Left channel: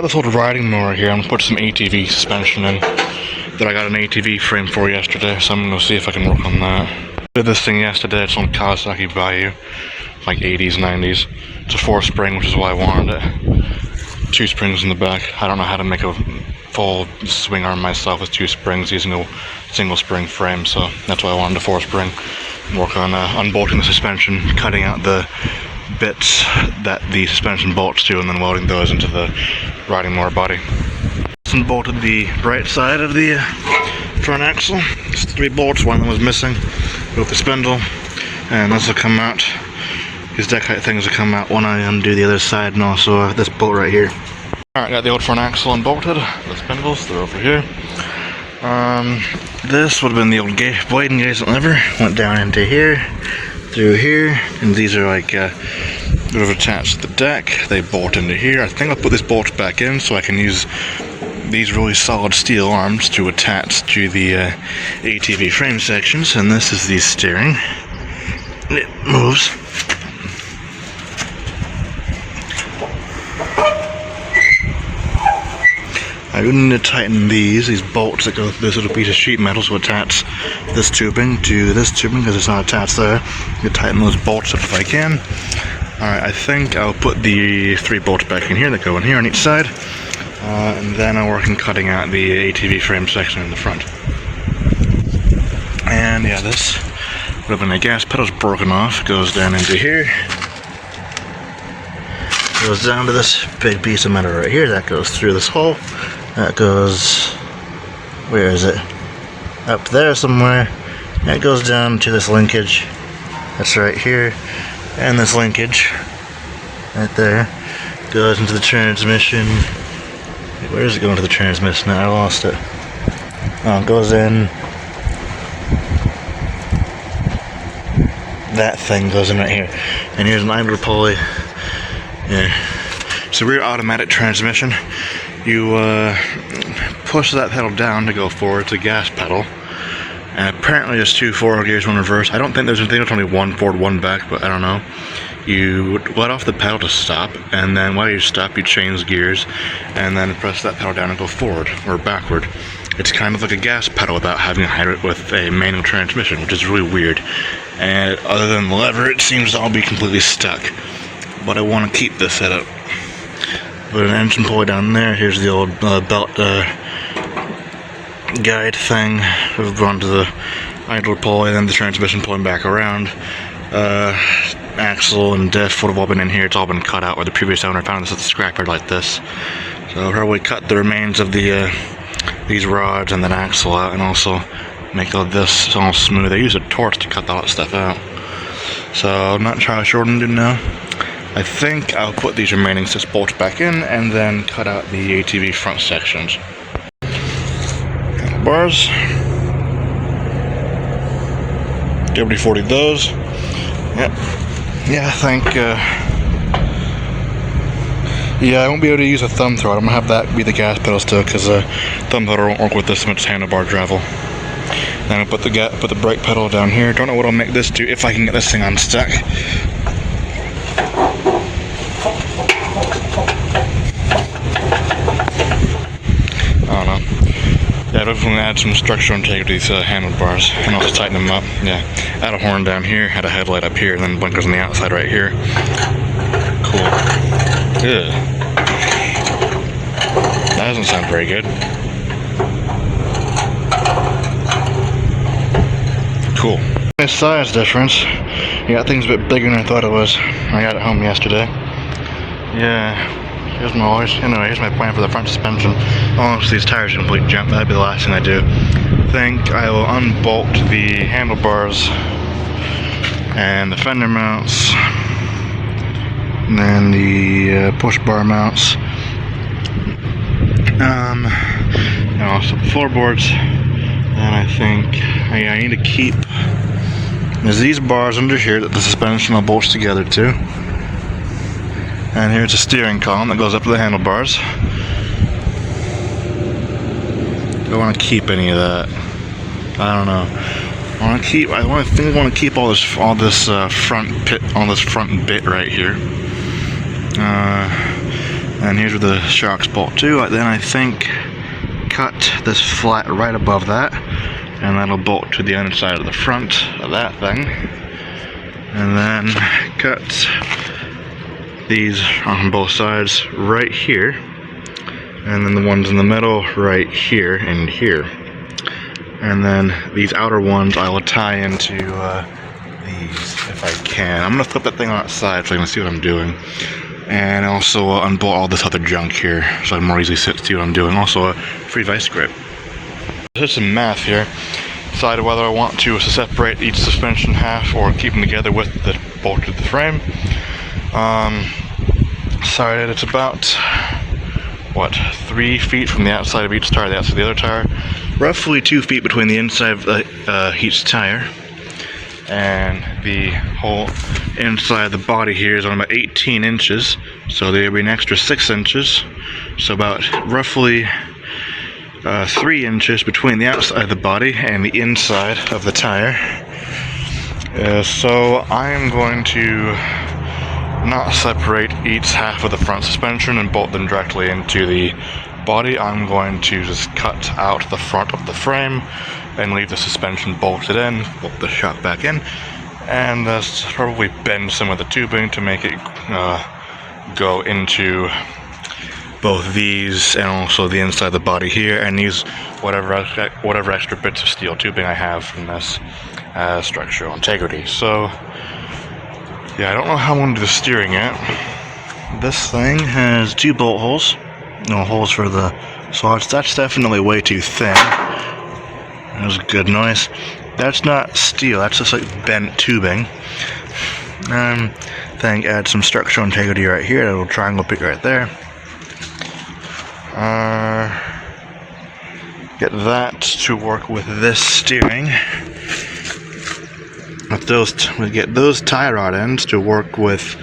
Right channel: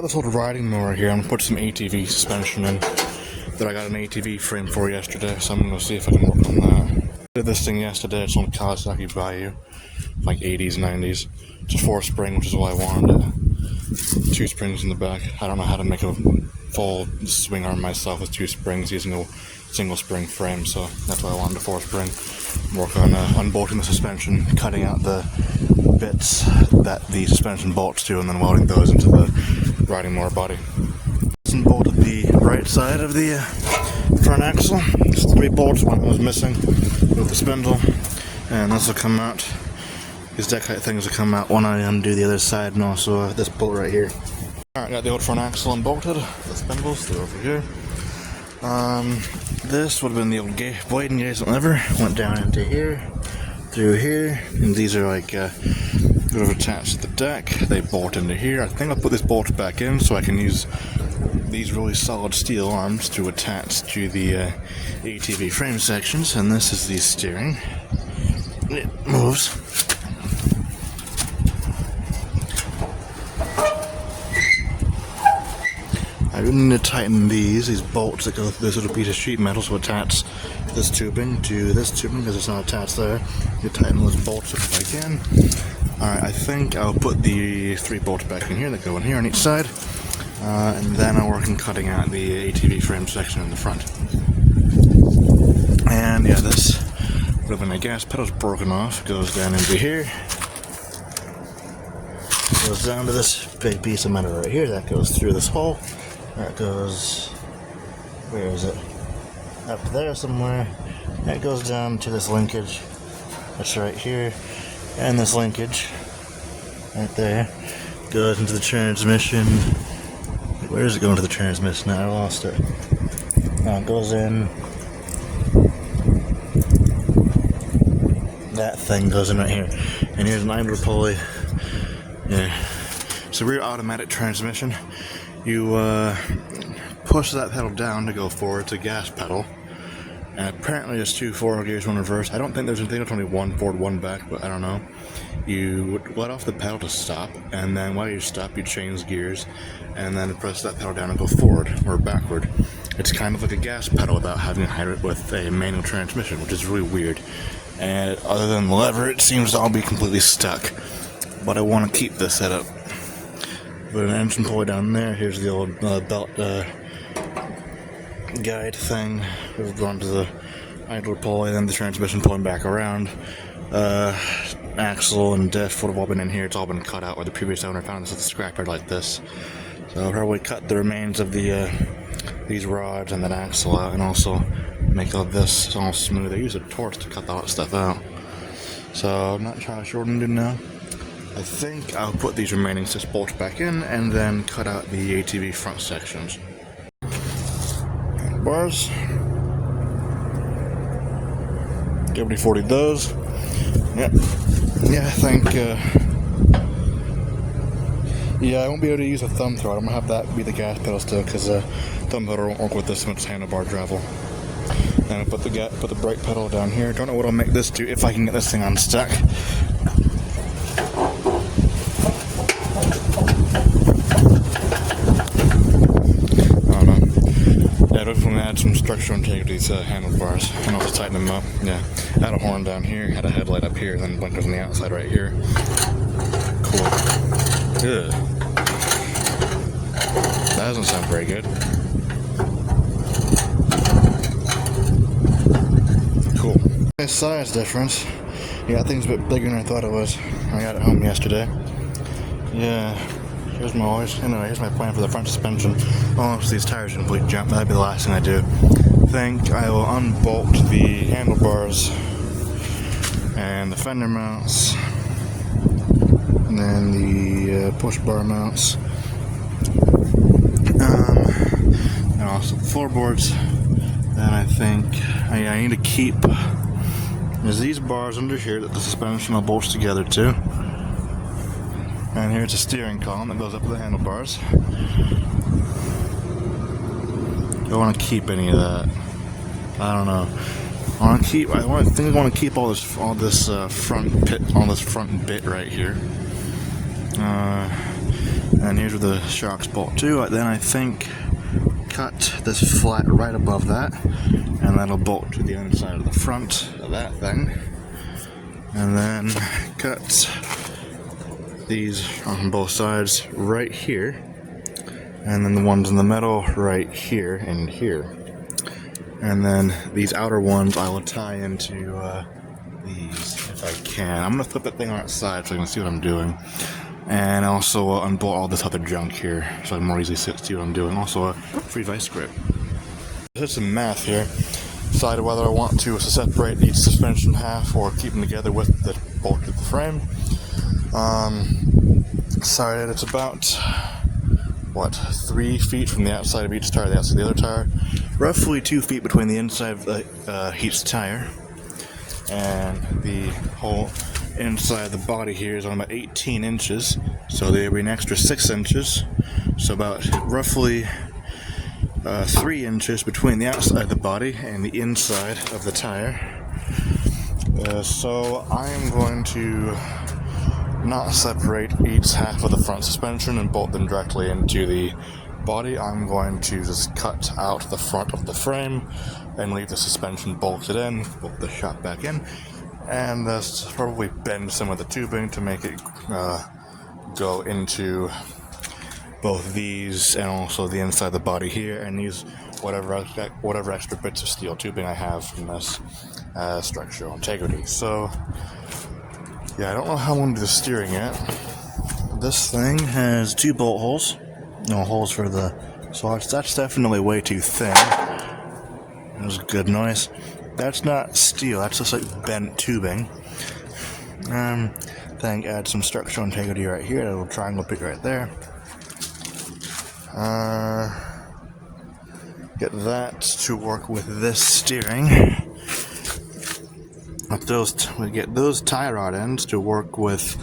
got this old riding mower here. I'm gonna put some ATV suspension in that I got an ATV frame for yesterday, so I'm gonna see if I can work on that. Did this thing yesterday. It's on Kawasaki Value, like 80s, 90s. It's a 4-spring, which is why I wanted it. 2 springs in the back. I don't know how to make a full swing arm myself with 2 springs using a single spring frame, so that's why I wanted a 4-spring. Work on unbolting the suspension, cutting out the bits that the suspension bolts to, and then welding those into the riding mower body. Unbolted the right side of the front axle. There's 3 bolts, one of them was missing with the spindle, and this will come out. These deck height things will come out when I undo the other side, and also this bolt right here. Alright, got the old front axle unbolted. The spindles, they're over here. This would have been the old blade engagement lever. Went down into here, through here, and these are like sort of attached to the deck. They bolt into here. I think I'll put this bolt back in so I can use these really solid steel arms to attach to the ATV frame sections. And this is the steering. It moves. I would need to tighten these bolts that go through this little piece of sheet metal to attach this tubing to this tubing because it's not attached there. You tighten those bolts up if I can. Alright, I think I'll put the 3 bolts back in here that go in here on each side. And then I'll work on cutting out the ATV frame section in the front. And yeah, this would have been the gas pedal's broken off. It goes down into here. It goes down to this big piece of metal right here. That goes through this hole. That goes, where is it? Up there somewhere. And it goes down to this linkage. That's right here. And this linkage, right there, goes into the transmission. Where is it going to the transmission? I lost it. Oh, it goes in. That thing goes in right here. And here's an idler pulley. Yeah. It's a rear automatic transmission. You push that pedal down to go forward. It's a gas pedal. And apparently there's 2 forward gears, 1 reverse. I think there's only 1 forward, 1 back, but I don't know. You let off the pedal to stop, and then while you stop, you change gears, and then press that pedal down and go forward or backward. It's kind of like a gas pedal without having to hide it with a manual transmission, which is really weird. And other than the lever, it seems to all be completely stuck. But I want to keep this setup. Put an engine pulley down there. Here's the old belt guide thing. We've gone to the idler pulley, and then the transmission pulling back around. Axle and diff would have all been in here. It's all been cut out where the previous owner found this at the scrapyard like this. So I'll probably cut the remains of the these rods and then axle out, and also make all this all smooth. I use a torch to cut all that stuff out. So I'm not entirely sure what I'm doing now. I think I'll put these remaining 6 bolts back in and then cut out the ATV front sections. Bars. WD-40 those. Yep. Yeah, I think, yeah, I won't be able to use a thumb throttle. I'm going to have that be the gas pedal still, because thumb throttle won't work with this much handlebar travel. Then I'll put the brake pedal down here. Don't know what I'll make this do, if I can get this thing unstuck. I don't know. Yeah, I'm going to add some structural integrity to these handlebars and also tighten them up. Yeah, add a horn down here, add a headlight up here, and then blinkers on the outside right here. Cool. Good. That doesn't sound very good. Cool. Nice size difference. Yeah, thing's a bit bigger than I thought it was. I got it home yesterday. Yeah. Anyway, here's my plan for the front suspension. Once these tires complete jump, that'd be the last thing I do. I think I will unbolt the handlebars and the fender mounts, and then the push bar mounts, and also the floorboards. And I think I need to keep, there's these bars under here that the suspension all bolts together to. And here's a steering column that goes up to the handlebars. I want to keep any of that. I don't know. I think I want to keep all this front bit right here. And here's where the shocks bolt to. Then I think cut this flat right above that, and that'll bolt to the underside of the front of that thing. And then cut these on both sides right here, and then the ones in the middle right here and here. And then these outer ones I will tie into these if I can. I'm gonna flip that thing on its side so you can see what I'm doing. And also unbolt all this other junk here so I can more easily see what I'm doing. Also a free vice grip. There's some math here. Decide whether I want to separate each suspension half or keep them together with the bolt to the frame. Decided it's about, what, 3 feet from the outside of each tire to the outside of the other tire. Roughly 2 feet between the inside of each tire. And the whole inside of the body here is on about 18 inches. So there'll be an extra 6 inches. So about roughly 3 inches between the outside of the body and the inside of the tire. So I am going to not separate each half of the front suspension and bolt them directly into the body. I'm going to just cut out the front of the frame and leave the suspension bolted in, bolt the shock back in, and probably bend some of the tubing to make it go into both these and also the inside of the body here, and use whatever extra bits of steel tubing I have from this as structural integrity. So yeah, I don't know how I'm going to do the steering yet. This thing has 2 bolt holes, no holes for the slots. That's definitely way too thin. That was a good noise. That's not steel, that's just like bent tubing. Then add some structural integrity right here, that little triangle bit right there. Get that to work with this steering. We get those tie rod ends to work with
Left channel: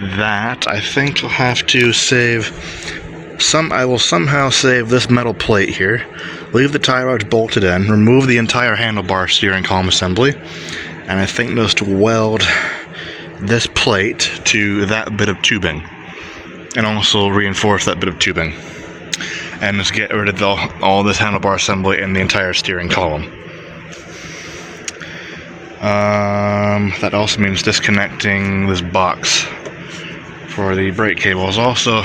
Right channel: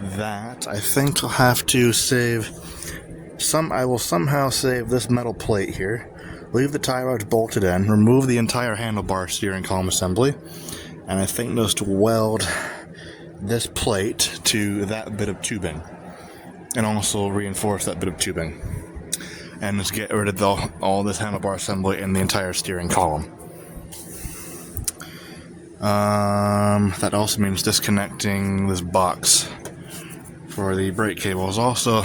that. I think I'll have to save I will somehow save this metal plate here, leave the tie rods bolted in, remove the entire handlebar steering column assembly, and I think just weld this plate to that bit of tubing, and also reinforce that bit of tubing, and just get rid of all this handlebar assembly and the entire steering column. That also means disconnecting this box for the brake cables. Also,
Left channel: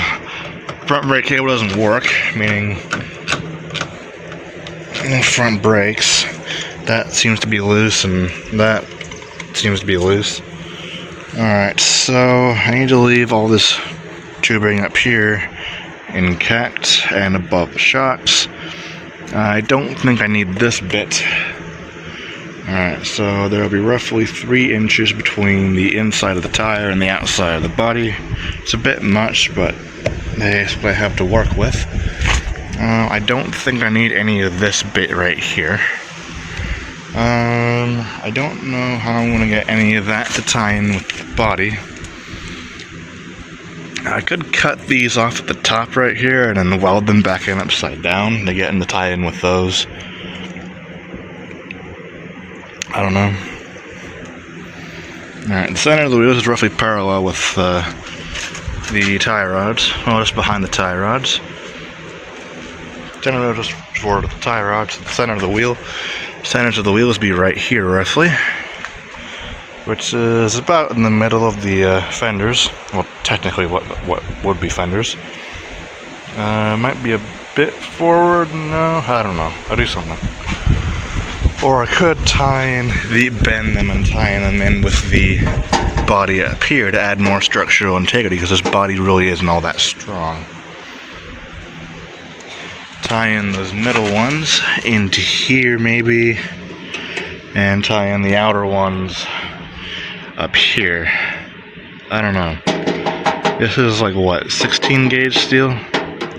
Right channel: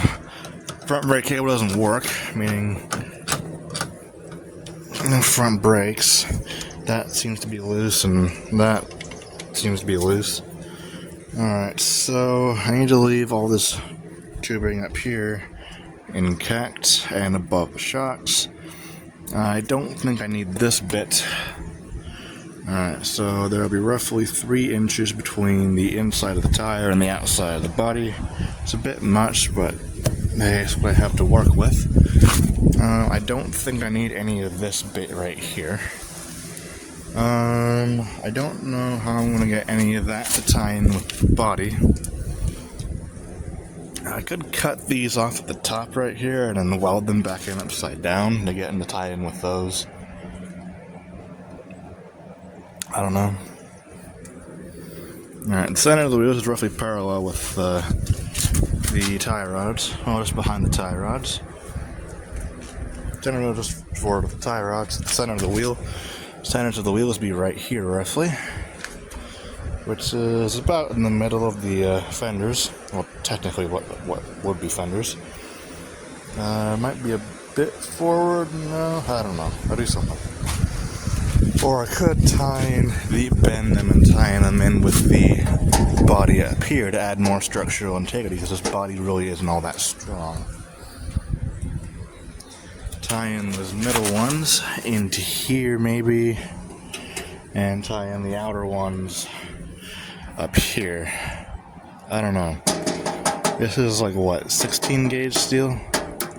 front brake cable doesn't work, meaning the front brakes, that seems to be loose and that seems to be loose. Alright, so I need to leave all this tubing up here intact and above the shocks. I don't think I need this bit. Alright, so there will be roughly 3 inches between the inside of the tire and the outside of the body. It's a bit much, but that's what I have to work with. I don't think I need any of this bit right here. I don't know how I'm going to get any of that to tie in with the body. I could cut these off at the top right here and then weld them back in upside down to get in the tie in with those. I don't know. Alright, the center of the wheels is roughly parallel with the tie rods. Well, just behind the tie rods. Center of just forward of the tie rods. The center of the wheel. Centers of the wheels be right here, roughly. Which is about in the middle of the fenders. Well, technically what would be fenders. Might be a bit forward. No, I don't know. I'll do something. Or I could bend them and tie them in with the body up here to add more structural integrity, because this body really isn't all that strong. Tie in those middle ones into here maybe, and tie in the outer ones up here. I don't know. This is like what, 16 gauge steel?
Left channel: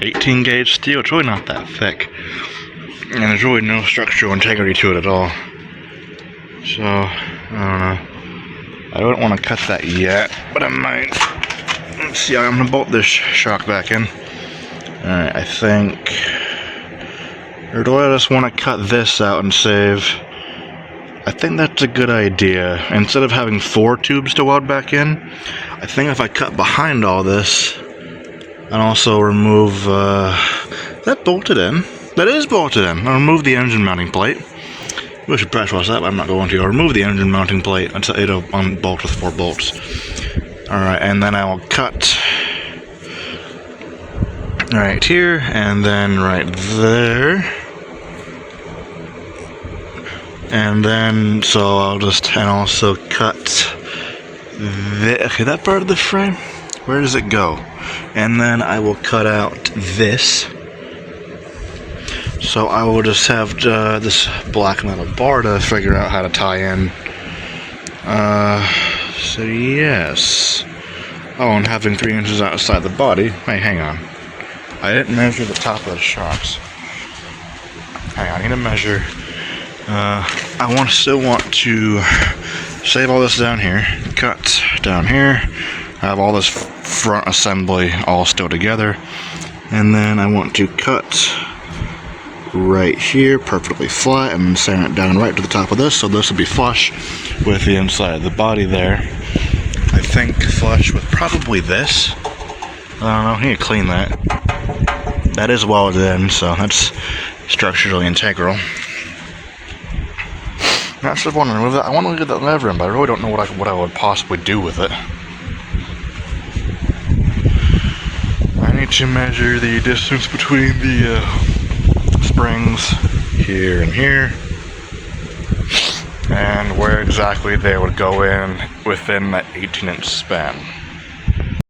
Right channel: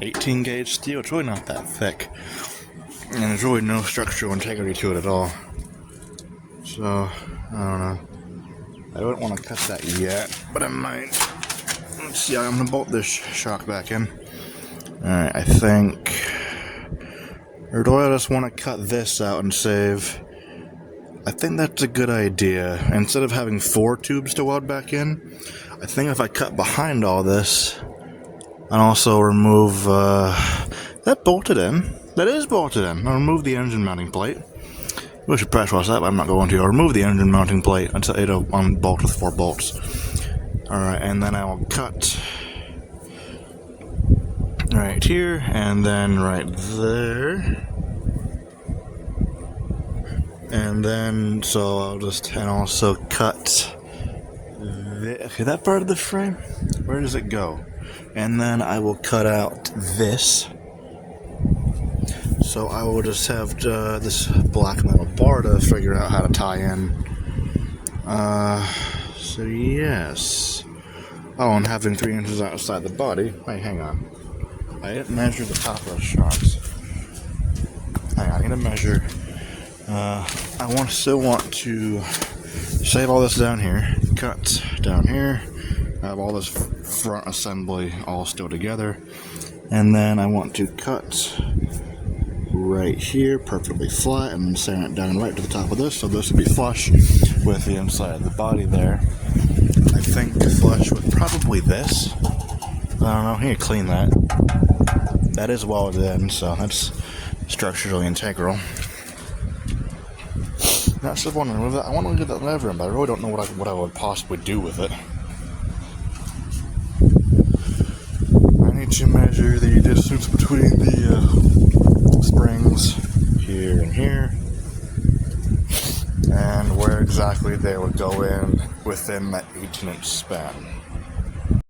18 gauge steel? It's really not that thick. And there's really no structural integrity to it at all. So, I don't know. I don't want to cut that yet, but I might. Let's see, I'm going to bolt this shock back in. Alright, I think... Or do I just want to cut this out and save... I think that's a good idea. Instead of having 4 tubes to weld back in, I think if I cut behind all this, And also remove, that bolted in. That is bolted in. I'll remove the engine mounting plate. I should pressure wash that, but I'm not going to. I'll remove the engine mounting plate. It'll unbolt with 4 bolts. Alright, and then I will cut right here, and then right there. And then, so I'll just, and also cut okay, that part of the frame, where does it go? And then I will cut out this. So I will just have this black metal bar to figure out how to tie in. So yes. Oh, and having 3 inches outside the body. Hey, hang on. I didn't measure the top of the shocks. Hang on, I need to measure. I still want to save all this down here, cut down here, have all this front assembly all still together, and then I want to cut right here perfectly flat and sand it down right to the top of this, so this will be flush with the inside of the body there. I think flush with probably this. I don't know, I need to clean that. That is welded in, so that's structurally integral. I just want to remove that. I want to leave that lever in, but I really don't know what I would possibly do with it. I need to measure the distance between the springs here and here, and where exactly they would go in within that 18-inch span.